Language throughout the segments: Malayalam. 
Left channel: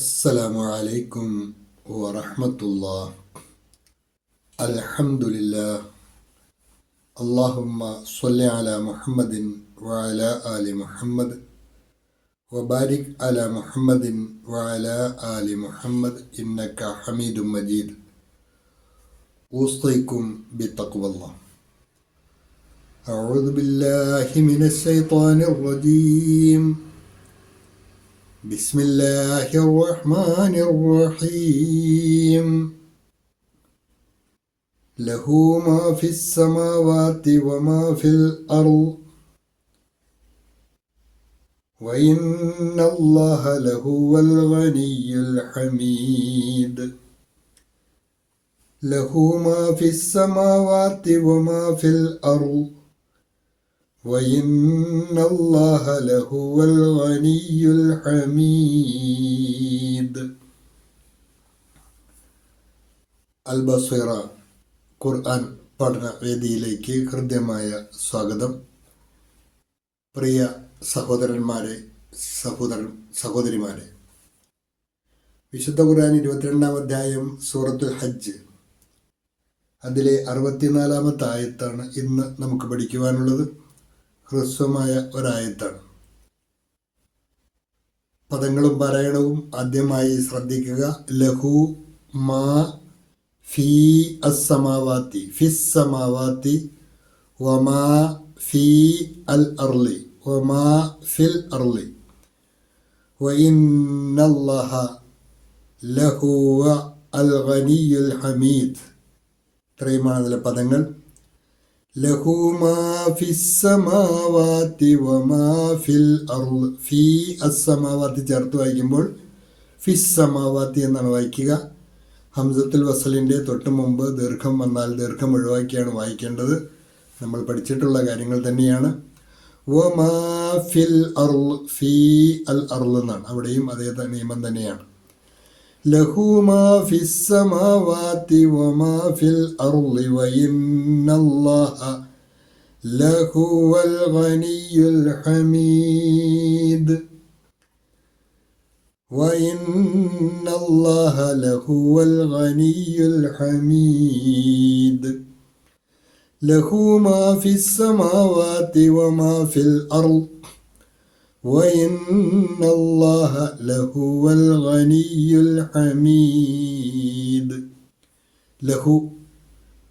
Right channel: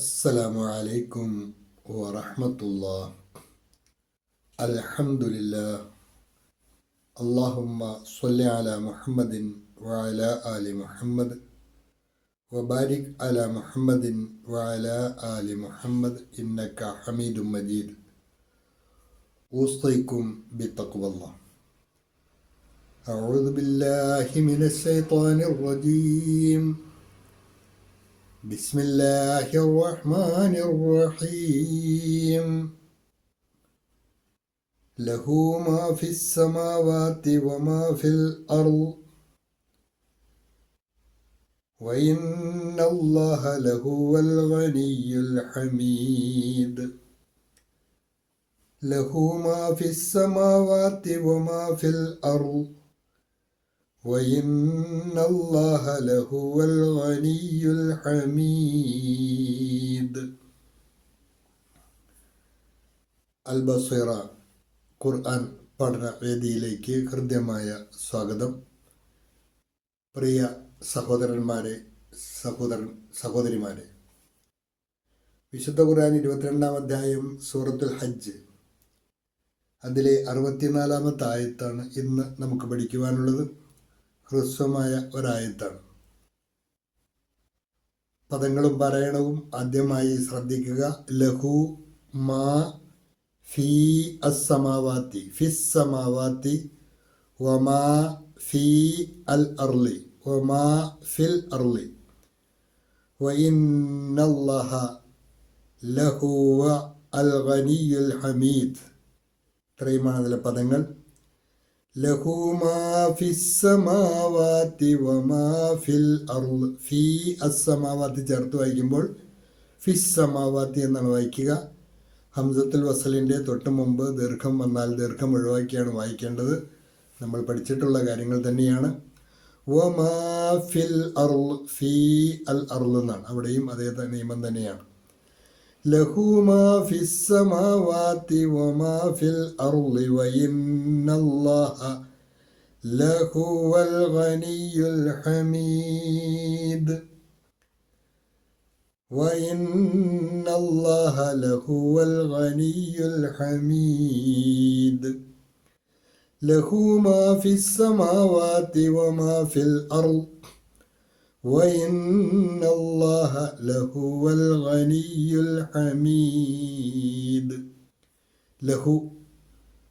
അസ്സലാമു അലൈക്കും വറഹ്മത്തുള്ളാഹി. അൽഹംദുലില്ലാഹ്. അല്ലാഹുമ്മ സ്വല്ലി അലാ മുഹമ്മദിൻ വഅലാ ആലി മുഹമ്മദ് വബാരിക് അലാ മുഹമ്മദിൻ വഅലാ ആലി മുഹമ്മദ് ഇന്നക ഹമീദും മജീദ്. ഊസ്തൈക്കും ബിത്തഖ്വല്ലാഹ്. അഊദു ബില്ലാഹി മിനശ് ശൈത്വാനിർ റജീം. بسم الله الرحمن الرحيم. له ما في السماوات وما في الأرض وإن الله لهو الغني الحميد. له ما في السماوات وما في الأرض وإن الله لهو الغني الحميد. അൽബസീറ ഖുർആൻ പഠന വേദിയിലേക്ക് ഹൃദ്യമായ സ്വാഗതം. പ്രിയ സഹോദരന്മാരെ, സഹോദരിമാരെ, വിശുദ്ധ ഖുർആൻ 22-ാം അധ്യായം സൂറത്തുൽ ഹജ്ജ്, അതിലെ 64-ാമത്തെ ആയത്താണ് ഇന്ന് നമുക്ക് പഠിക്കുവാനുള്ളത്. ഹ്രസ്വമായ ഒരായത്താണ്. പദങ്ങളും പാരായണവും ആദ്യമായി ശ്രദ്ധിക്കുക. ലഹു മാ ഫീ അസ്സമാവാത്തി ഫിസ്സമാവാത്തി വമാ ഫീ അൽ അർളി വമാ ഫിൽ അർളി വഇന്നല്ലാഹ ലഹുവ അൽ ഗനിയുൽ ഹമീദ്. ഇത്രയുമാണ് അതിലെ പദങ്ങൾ. ലഹു മാ ഫിസ്സമാവാത്തി വമാ ഫിൽ അർള്. ഫീ അസ്സമാവാത്തി ചേർത്ത് വായിക്കുമ്പോൾ ഫിസ്സമാവാത്തി എന്നാണ് വായിക്കുക. ഹംസത്തുൽ വസലിൻ്റെ തൊട്ട് മുമ്പ് ദീർഘം വന്നാൽ ദീർഘം ഒഴിവാക്കിയാണ് വായിക്കേണ്ടത്. നമ്മൾ പഠിച്ചിട്ടുള്ള കാര്യങ്ങൾ തന്നെയാണ്. വമാ ഫിൽ അർള്, ഫീ അൽ അർള് എന്നാണ്. അവിടെയും അതേ നിയമം തന്നെയാണ്. ലഹു മാ ഫിസ്സമാവാതി വമാ ഫിൽ അർളി വഇന്നല്ലാഹ ലഹുവൽ ഗനിയുൽ ഹമീദ്. വഇന്നല്ലാഹ ലഹുവൽ ഗനിയുൽ ഹമീദ്. ലഹു മാ ഫിസ്സമാവാതി വമാ ഫിൽ അർള് വഇന്നല്ലാഹ ലഹുവൽ ഗനിയുൽ ഹമീദ്. ലഹു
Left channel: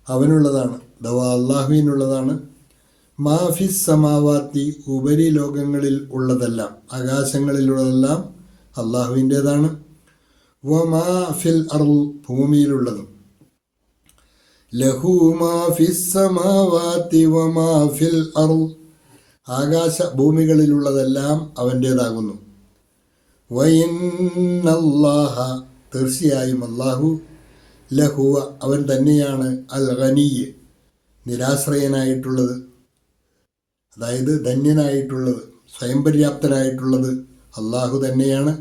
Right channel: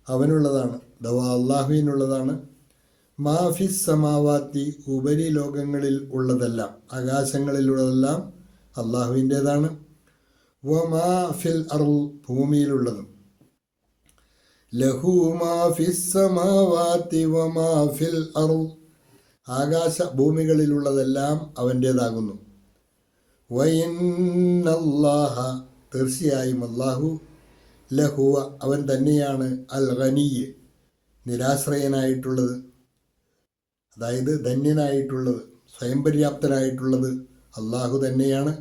അവനുള്ളതാണ്, അഥവാ അള്ളാഹുവിനുള്ളതാണ്. മാ ഫിസ് സമാവാത്തി ഉപരിലോകങ്ങളിൽ ഉള്ളതെല്ലാം, ആകാശങ്ങളിലുള്ളതെല്ലാം അള്ളാഹുവിൻ്റേതാണ്. വമാ ഫിൽ അർള് ഭൂമിയിലുള്ളതും. ലഹു മാ ഫിസ് സമാവാത്തി വമാ ഫിൽ അർള് ആകാശ ഭൂമികളിലുള്ളതെല്ലാം അവൻ്റേതാകുന്നു. വഇന്നല്ലാഹ തീർച്ചയായും അല്ലാഹു ലഹുവ അവൻ തന്നെയാണ് അൽ ഗനിയ് നിരാശ്രയനായിട്ടുള്ളത്, അതായത് ധന്യനായിട്ടുള്ളത്, സ്വയം പര്യാപ്തനായിട്ടുള്ളത് അല്ലാഹു തന്നെയാണ്.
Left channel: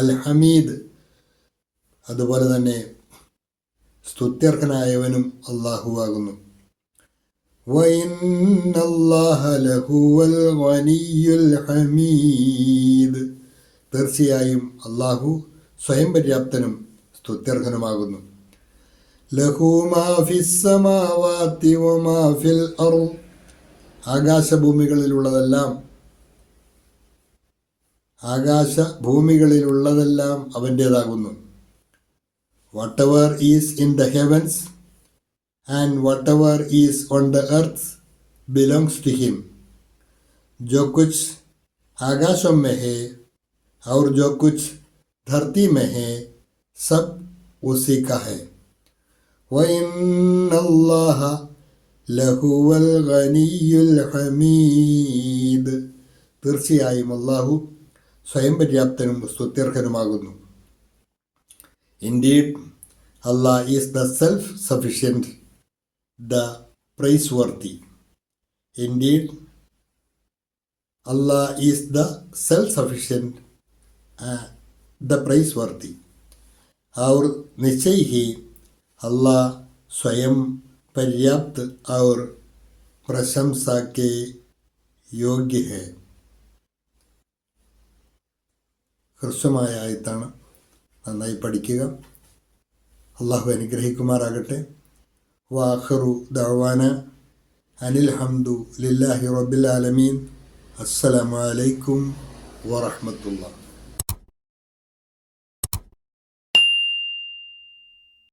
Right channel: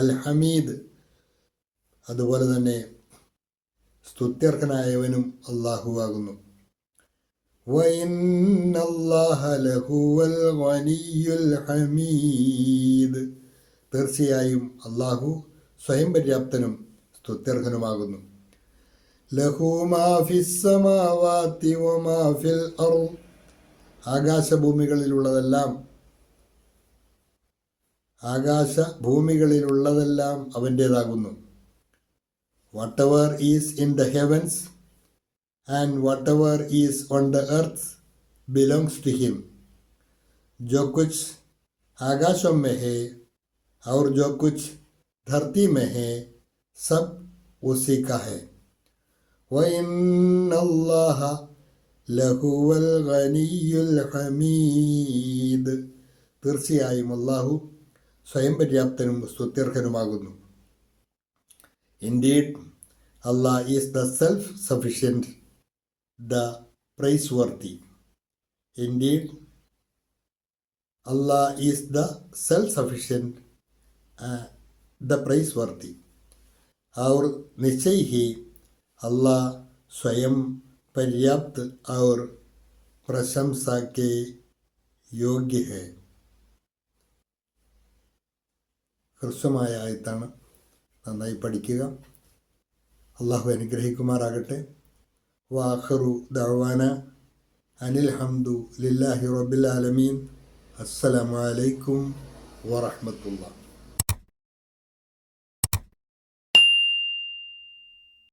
അൽ ഹമീദ് അതുപോലെ തന്നെ സ്തുത്യർഹനായവനും അല്ലാഹു ആകുന്നു. വഇന്നല്ലാഹ ലഹുവൽ ഗനിയുൽ ഹമീദ് തീർച്ചയായും അല്ലാഹു സ്വയം പര്യാപ്തനും സ്തുത്യർഹനുമാകുന്നു. ലഹു മാ ഫിസ്സമാവാതി വമാ ഫിൽ അർള് ആകാശഭൂമികളിലുള്ളതെല്ലാം അവൻ്റേതാകുന്നു. whatever is in the heavens and whatever is on the earth belongs to him. जो कुछ आकाशों में है और जो कुछ धरती में है सब उसी का है. वइन्नल्लाह लहुवल गनियुल हमीद തീർച്ചയായും അല്ലാഹു സ്വയം പര്യാപ്തനും സ്തുത്യർഹനുമാകുന്നു. Indeed, Allah is the self-sufficient, the praiseworthy. Indeed, Allah is the self-sufficient, the praiseworthy. और निश्चय ही अल्लाह स्वयं पर्याप्त और प्रशंसा के योग्य है. ഹ്രസ്വമായ ആയത്താണ്. നന്നായി പഠിക്കുക. അള്ളാഹു അനുഗ്രഹിക്കുമാറാകട്ടെ. വാഖിറു ദഅ്വാന അനിൽ ഹംദു ലില്ലാഹി റബ്ബിൽ ആലമീൻ. അസ്സലാമു അലൈക്കും വറഹ്മത്തുള്ളാഹി.